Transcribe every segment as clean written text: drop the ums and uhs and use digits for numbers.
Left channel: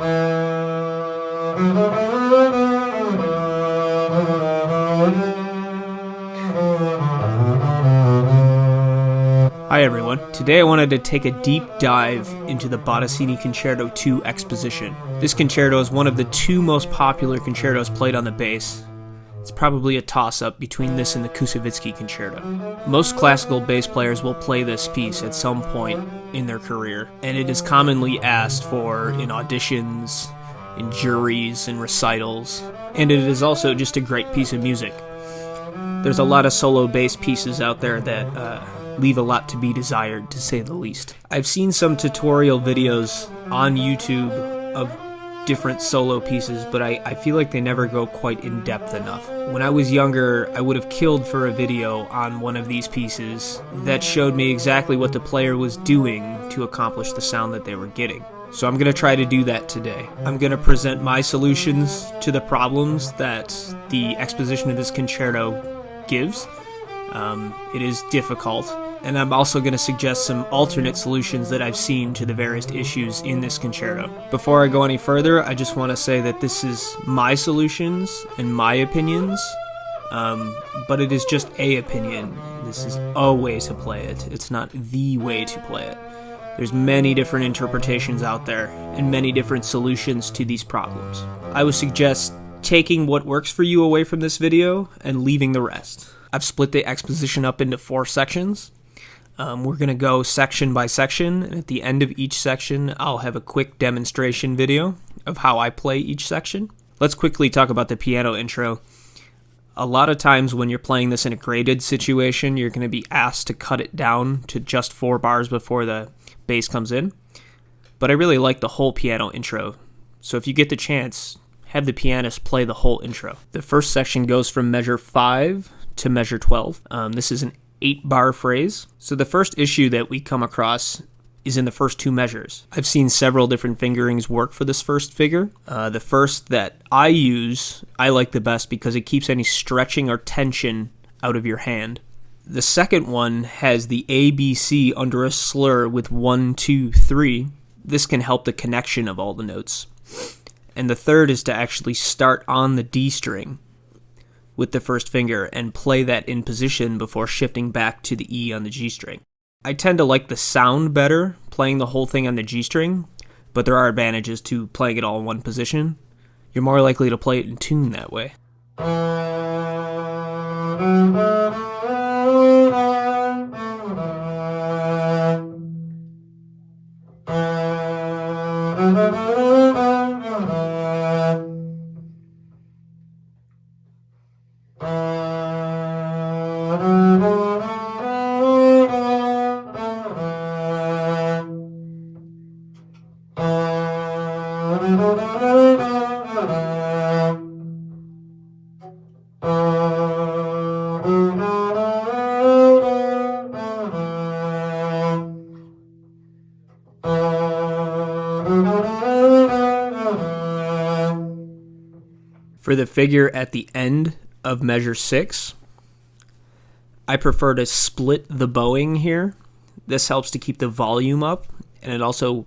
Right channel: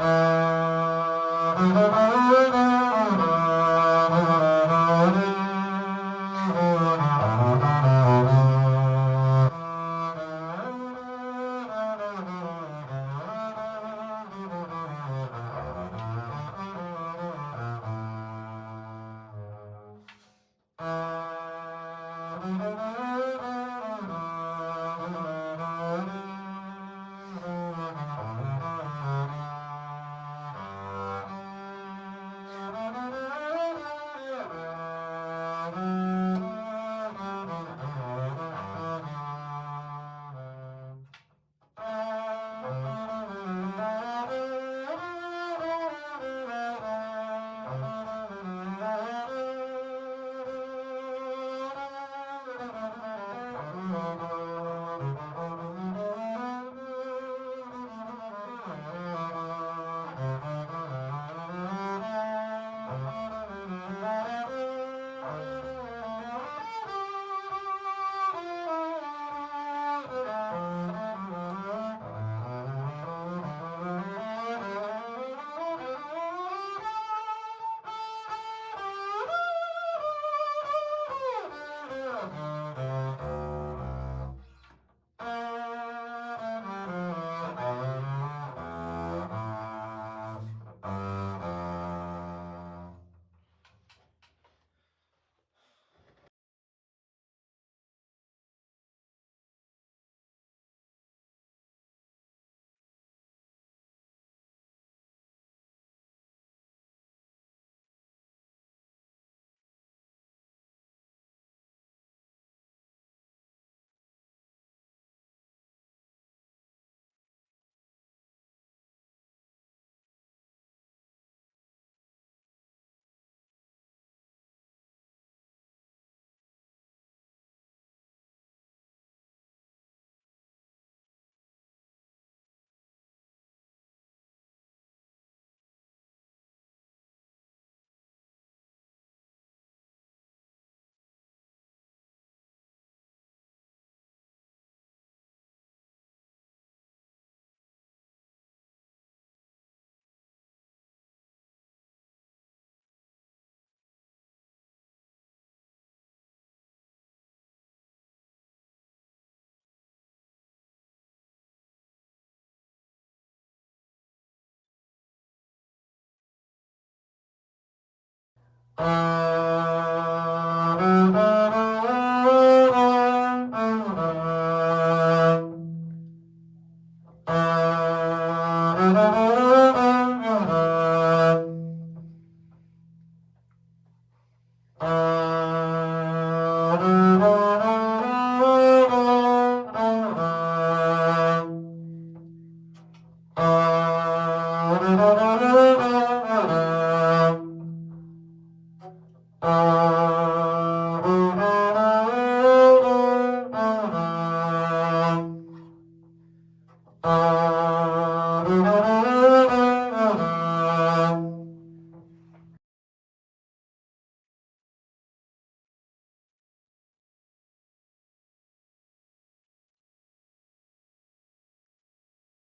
Hi everyone. Today I wanted to take a deep dive into the Bottesini Concerto Exposition. This concerto is one of the two most popular concertos played on the bass. It's probably a toss-up between this and the Kusevitsky Concerto. Most classical bass players will play this piece at some point in their career, and it is commonly asked for in auditions, in juries, and recitals, and it is also just a great piece of music. There's a lot of solo bass pieces out there that leave a lot to be desired, to say the least. I've seen some tutorial videos on YouTube of different solo pieces, but I feel like they never go quite in depth enough. When I was younger, I would have killed for a video on one of these pieces that showed me exactly what the player was doing to accomplish the sound that they were getting. So I'm going to try to do that today. I'm going to present my solutions to the problems that the exposition of this concerto gives. It is difficult, and I'm also going to suggest some alternate solutions that I've seen to the various issues in this concerto. Before I go any further, I just want to say that this is my solutions and my opinions, but it is just a opinion. This is a way to play it. It's not the way to play it. There's many different interpretations out there and many different solutions to these problems. I would suggest taking what works for you away from this video and leaving the rest. I've split the exposition up into 4 sections. We're going to go section by section, and at the end of each section, I'll have a quick demonstration video of how I play each section. Let's quickly talk about the piano intro. A lot of times when you're playing this in a graded situation, you're going to be asked to cut it down to just 4 bars before the bass comes in. But I really like the whole piano intro, so if you get the chance, have the pianist play the whole intro. The first section goes from measure 5 to measure 12. This is an 8-bar phrase. So the first issue that we come across is in the first 2 measures. I've seen several different fingerings work for this first figure. The first that I use, I like the best because it keeps any stretching or tension out of your hand. The second one has the ABC under a slur with 1, 2, 3. This can help the connection of all the notes. And the third is to actually start on the D string with the first finger and play that in position before shifting back to the E on the G string. I tend to like the sound better playing the whole thing on the G string, but there are advantages to playing it all in one position. You're more likely to play it in tune that way. For the figure at the end of measure 6, I prefer to split the bowing here. This helps to keep the volume up, and it also,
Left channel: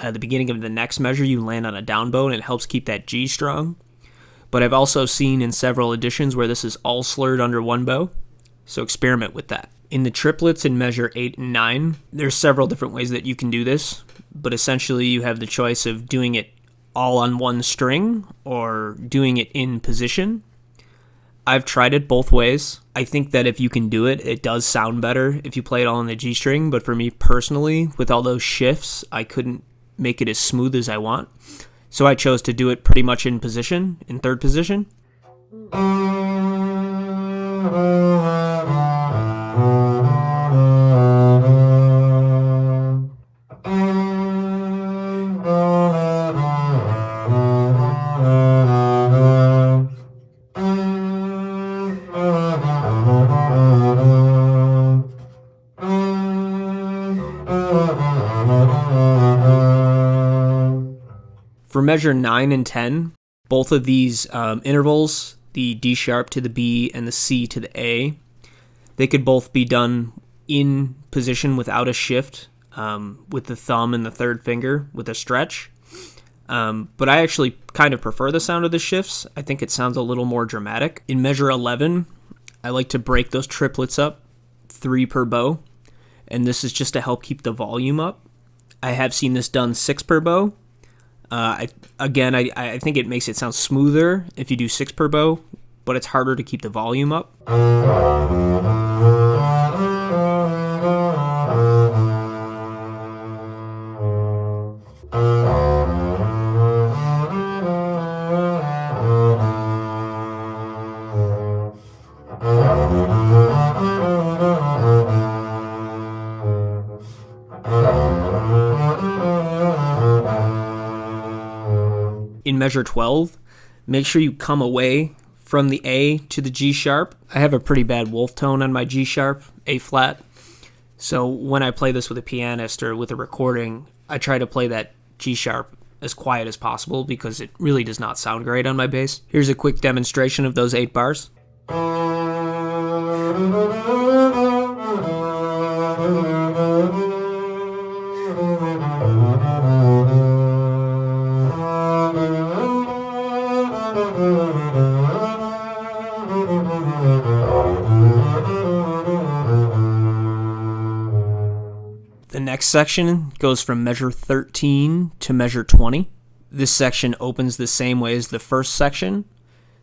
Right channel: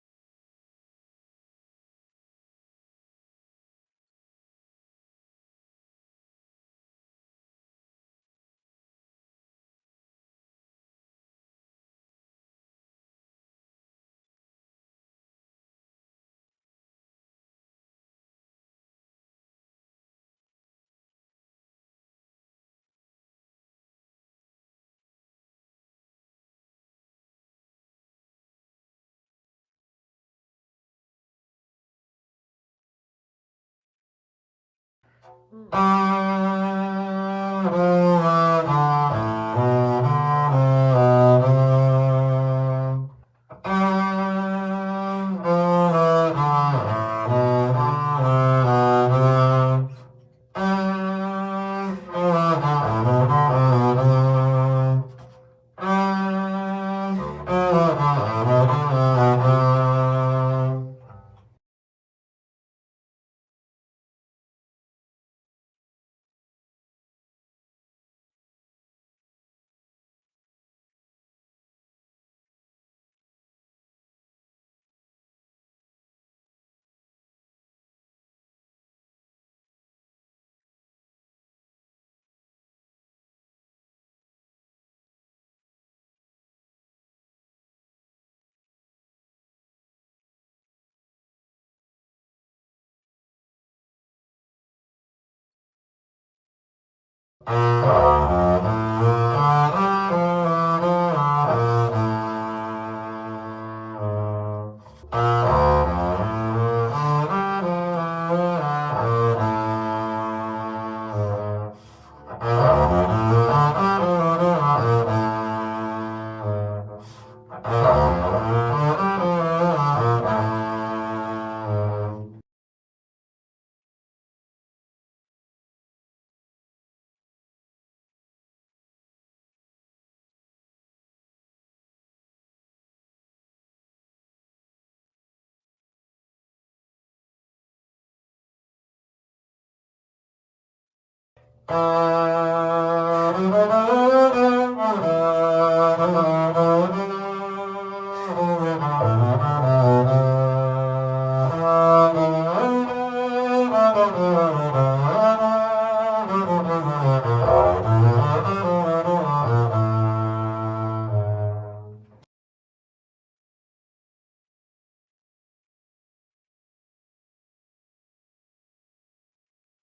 at the beginning of the next measure, you land on a down bow, and it helps keep that G strong. But I've also seen in several editions where this is all slurred under one bow, so experiment with that. In the triplets in measure 8 and 9, there's several different ways that you can do this, but essentially you have the choice of doing it all on one string or doing it in position. I've tried it both ways. I think that if you can do it, it does sound better if you play it all on the G string, but for me personally, with all those shifts, I couldn't make it as smooth as I want. So I chose to do it pretty much in position, in third position. For measure 9 and 10, both of these intervals, the D sharp to the B and the C to the A, they could both be done in position without a shift, with the thumb and the third finger with a stretch. But I actually kind of prefer the sound of the shifts. I think it sounds a little more dramatic. In measure 11, I like to break those triplets up, 3 per bow, and this is just to help keep the volume up. I have seen this done 6 per bow. I think it makes it sound smoother if you do 6 per bow, but it's harder to keep the volume up. In measure 12, make sure you come away from the A to the G sharp. I have a pretty bad wolf tone on my G sharp, A flat. So when I play this with a pianist or with a recording, I try to play that G sharp as quiet as possible because it really does not sound great on my bass. Here's a quick demonstration of those 8 bars. The next section goes from measure 13 to measure 20. This section opens the same way as the first section,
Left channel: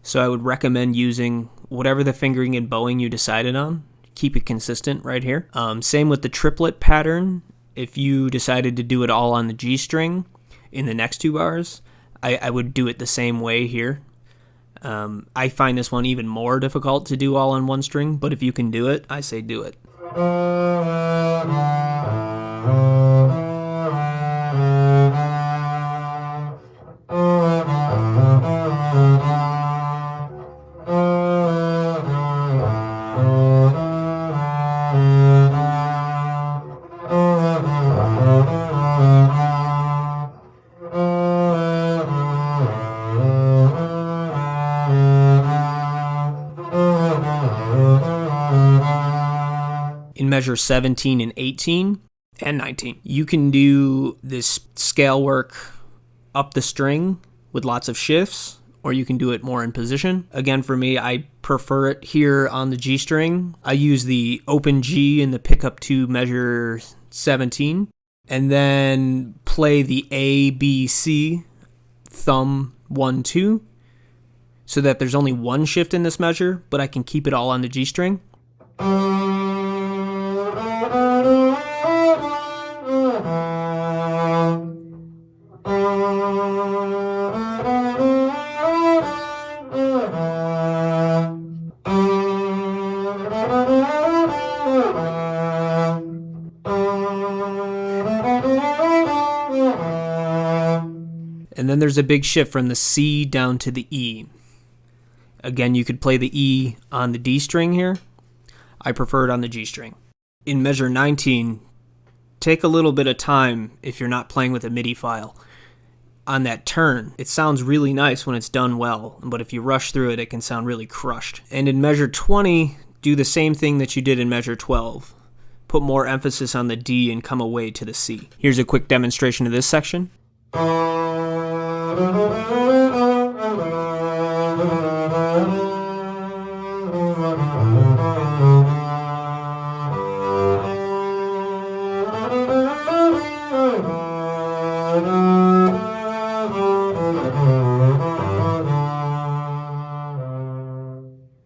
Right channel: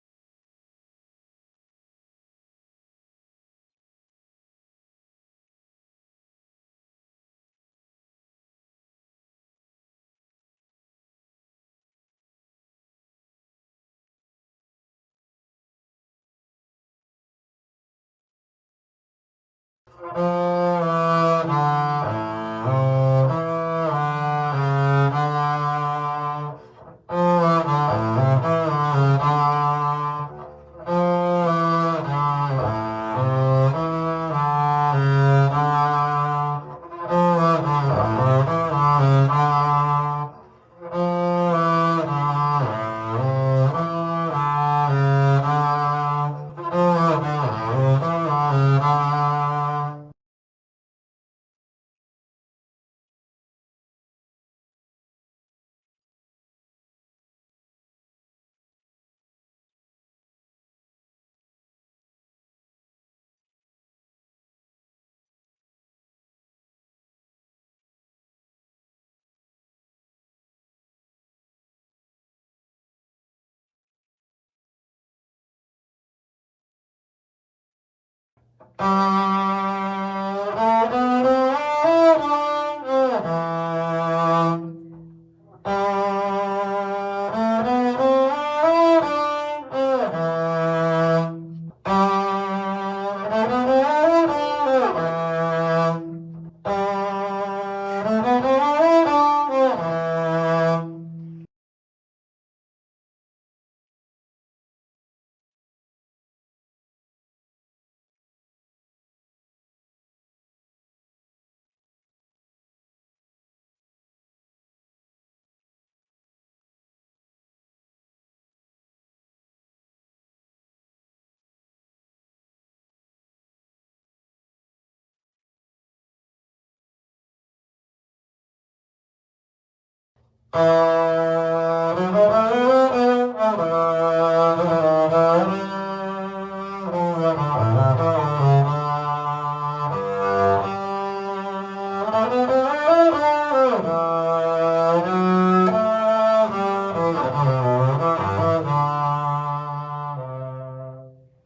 so I would recommend using whatever the fingering and bowing you decided on. Keep it consistent right here. Same with the triplet pattern. If you decided to do it all on the G string in the next 2 bars, I would do it the same way here. I find this one even more difficult to do all on 1 string, but if you can do it, I say do it. In measure 17 and 18 and 19, you can do this scale work up the string with lots of shifts, or you can do it more in position. Again, for me, I prefer it here on the G string. I use the open G in the pickup to measure 17, and then play the A, B, C, thumb 1, 2, so that there's only 1 shift in this measure, but I can keep it all on the G string. And then there's a big shift from the C down to the E. Again, you could play the E on the D string here. I prefer it on the G string. In measure 19, take a little bit of time if you're not playing with a MIDI file. On that turn, it sounds really nice when it's done well, but if you rush through it, it can sound really crushed. And in measure 20, do the same thing that you did in measure 12. Put more emphasis on the D and come away to the C. Here's a quick demonstration of this section.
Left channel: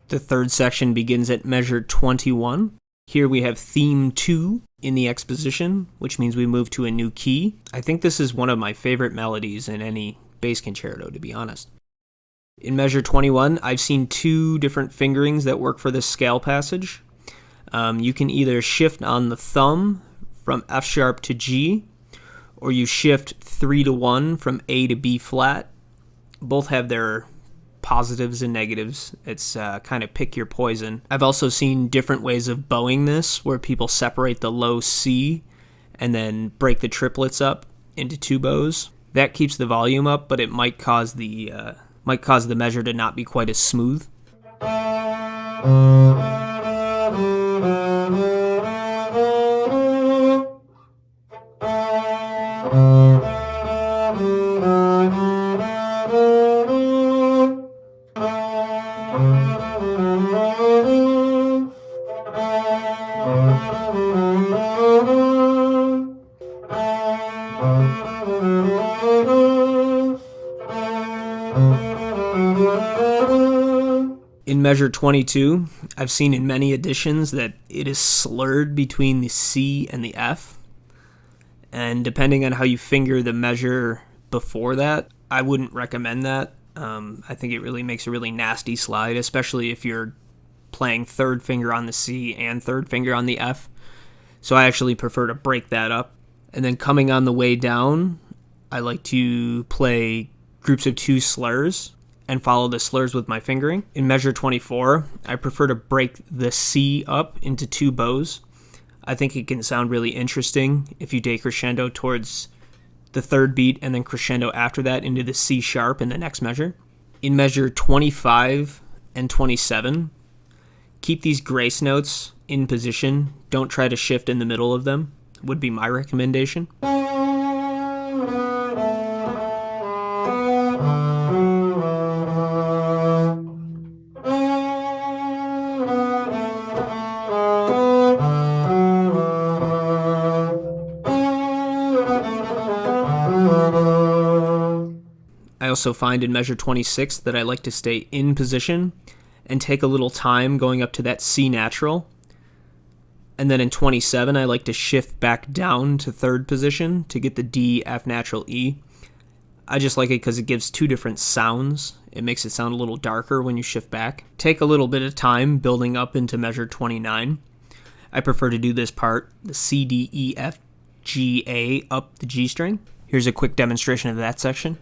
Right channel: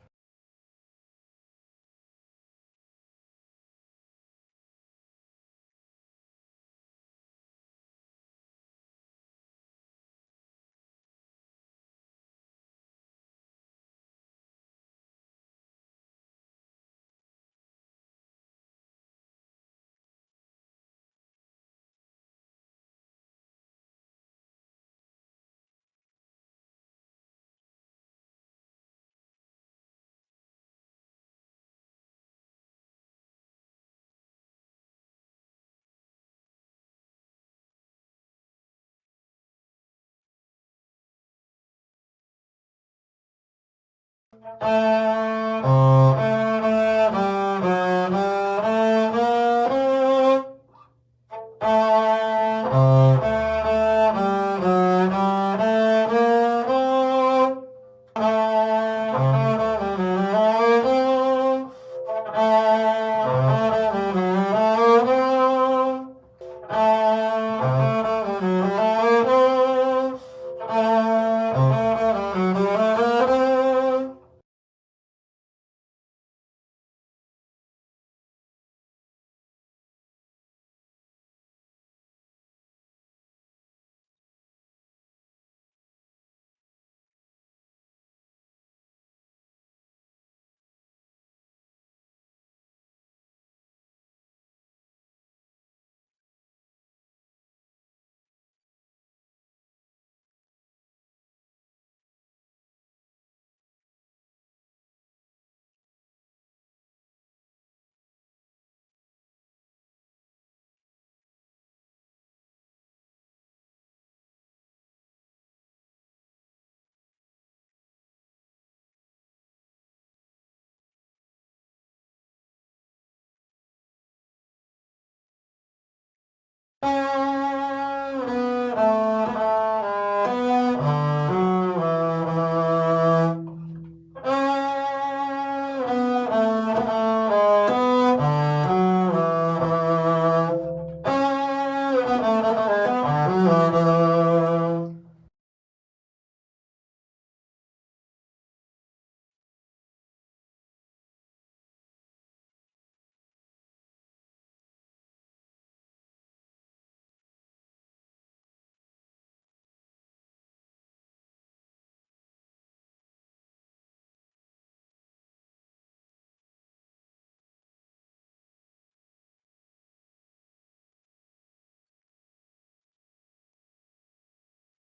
The third section begins at measure 21. Here we have theme 2 in the exposition, which means we move to a new key. I think this is one of my favorite melodies in any bass concerto, to be honest. In measure 21, I've seen 2 different fingerings that work for this scale passage. You can either shift on the thumb from F sharp to G, or you shift 3 to 1 from A to B flat. Both have their positives and negatives. It's kind of pick your poison. I've also seen different ways of bowing this, where people separate the low C and then break the triplets up into 2 bows. That keeps the volume up, but it might cause the measure to not be quite as smooth. In measure 22, I've seen in many editions that it is slurred between the C and the F. And depending on how you finger the measure before that, I wouldn't recommend that. I think it really makes a really nasty slide, especially if you're playing third finger on the C and third finger on the F. So I actually prefer to break that up. And then coming on the way down, I like to play groups of 2 slurs and follow the slurs with my fingering. In measure 24, I prefer to break the C up into 2 bows. I think it can sound really interesting if you decrescendo towards the third beat and then crescendo after that into the C sharp in the next measure. In measure 25 and 27, keep these grace notes in position. Don't try to shift in the middle of them, would be my recommendation. I also find in measure 26 that I like to stay in position and take a little time going up to that C natural. And then in 27, I like to shift back down to third position to get the D, F natural, E. I just like it because it gives 2 different sounds. It makes it sound a little darker when you shift back. Take a little bit of time building up into measure 29. I prefer to do this part, the C, D, E, F, G, A, up the G string. Here's a quick demonstration of that section.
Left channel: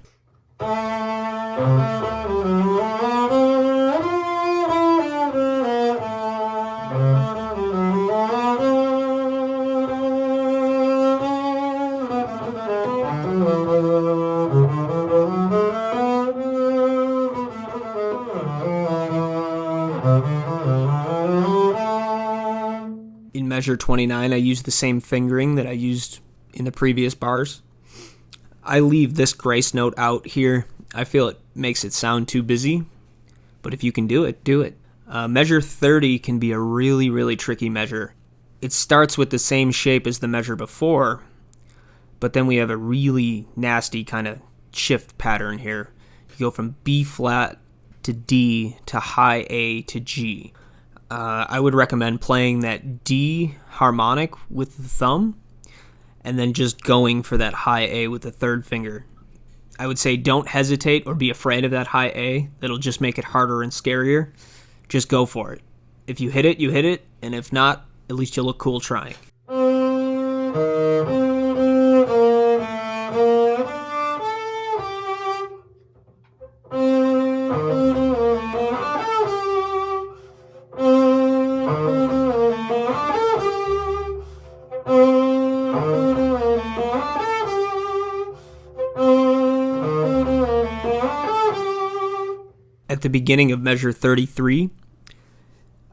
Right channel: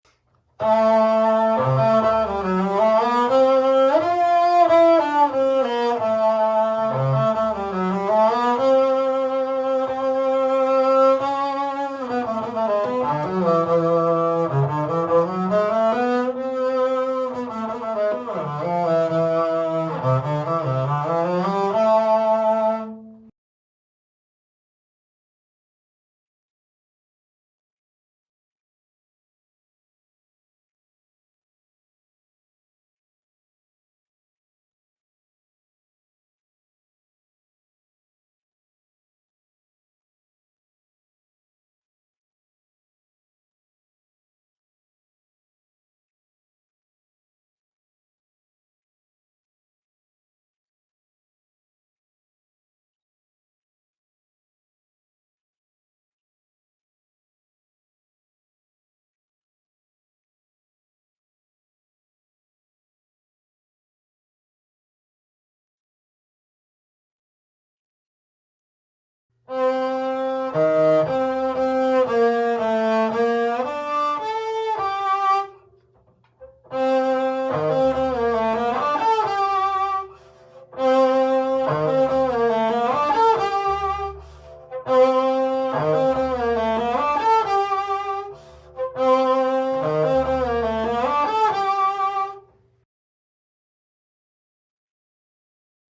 In measure 29, I use the same fingering that I used in the previous bars. I leave this grace note out here. I feel it makes it sound too busy, but if you can do it, do it. Measure 30 can be a really, really tricky measure. It starts with the same shape as the measure before, but then we have a really nasty kind of shift pattern here. You go from B flat to D to high A to G. I would recommend playing that D harmonic with the thumb and then just going for that high A with the third finger. I would say don't hesitate or be afraid of that high A. That'll just make it harder and scarier. Just go for it. If you hit it, you hit it, and if not, at least you look cool trying. At the beginning of measure 33,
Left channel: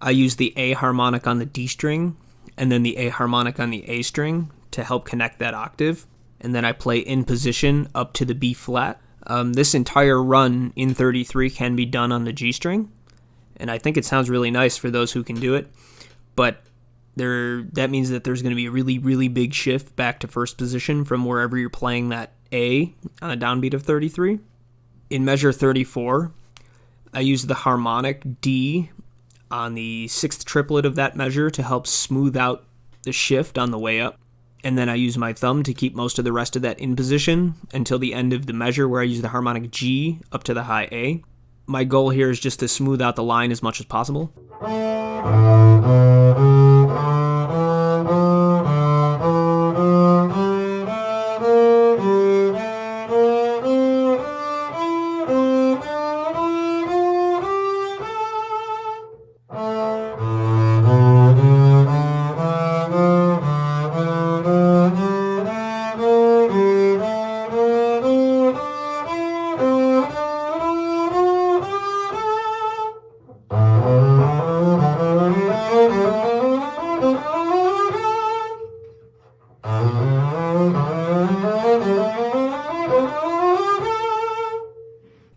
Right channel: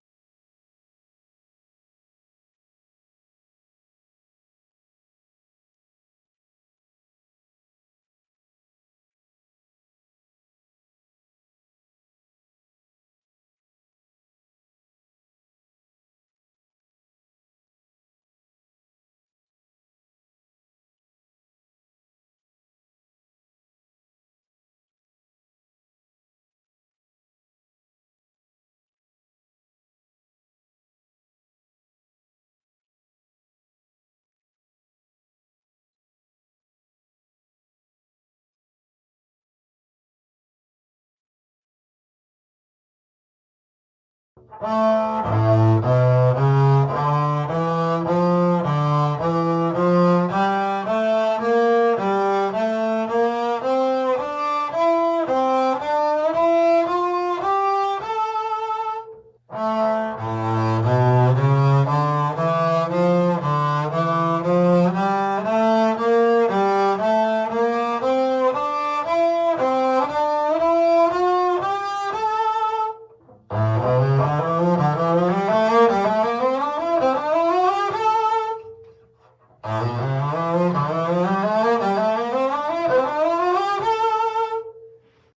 I use the A harmonic on the D string and then the A harmonic on the A string to help connect that octave. And then I play in position up to the B flat. This entire run in 33 can be done on the G string, and I think it sounds really nice for those who can do it. But that means that there's going to be a really, really big shift back to first position from wherever you're playing that A on a downbeat of 33. In measure 34, I use the harmonic D on the 6th triplet of that measure to help smooth out the shift on the way up. And then I use my thumb to keep most of the rest of that in position until the end of the measure where I use the harmonic G up to the high A. My goal here is just to smooth out the line as much as possible.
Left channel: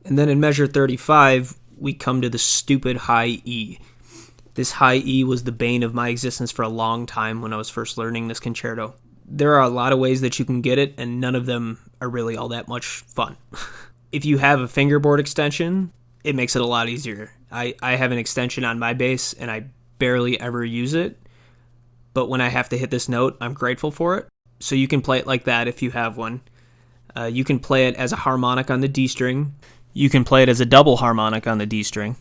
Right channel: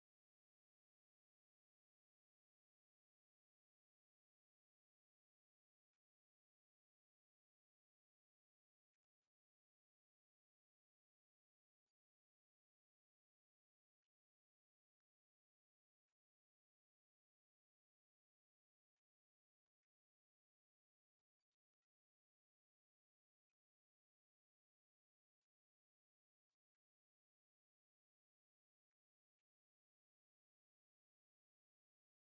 And then in measure 35, we come to the stupid high E. This high E was the bane of my existence for a long time when I was first learning this concerto. There are a lot of ways that you can get it, and none of them are really all that much fun. If you have a fingerboard extension, it makes it a lot easier. I have an extension on my bass, and I barely ever use it. But when I have to hit this note, I'm grateful for it. So you can play it like that if you have one. You can play it as a harmonic on the D string. You can play it as a double harmonic on the D string.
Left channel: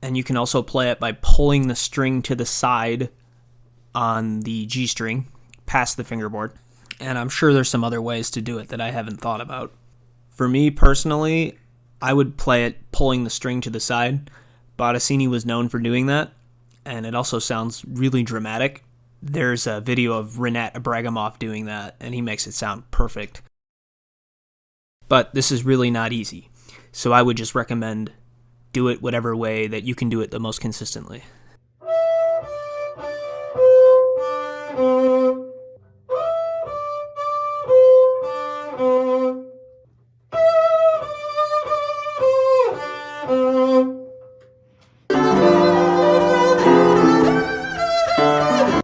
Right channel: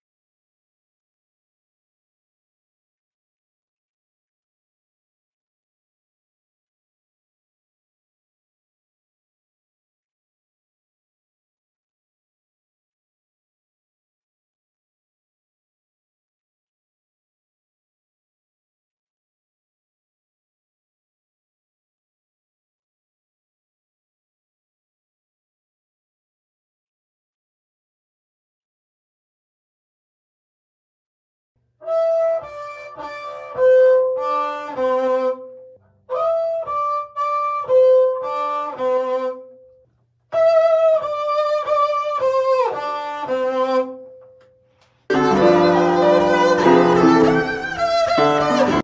And you can also play it by pulling the string to the side on the G string, past the fingerboard. And I'm sure there's some other ways to do it that I haven't thought about. For me personally, I would play it pulling the string to the side. Bottesini was known for doing that, and it also sounds really dramatic. There's a video of Rinat Abragamov doing that, and he makes it sound perfect. But this is really not easy, so I would just recommend do it whatever way that you can do it the most consistently.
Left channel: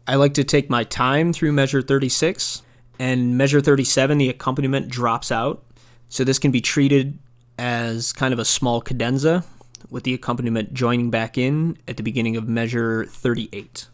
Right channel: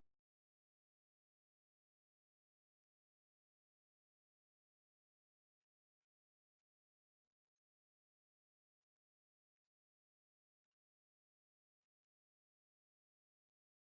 I like to take my time through measure 36, and measure 37 the accompaniment drops out, so this can be treated as kind of a small cadenza, with the accompaniment joining back in at the beginning of measure 38.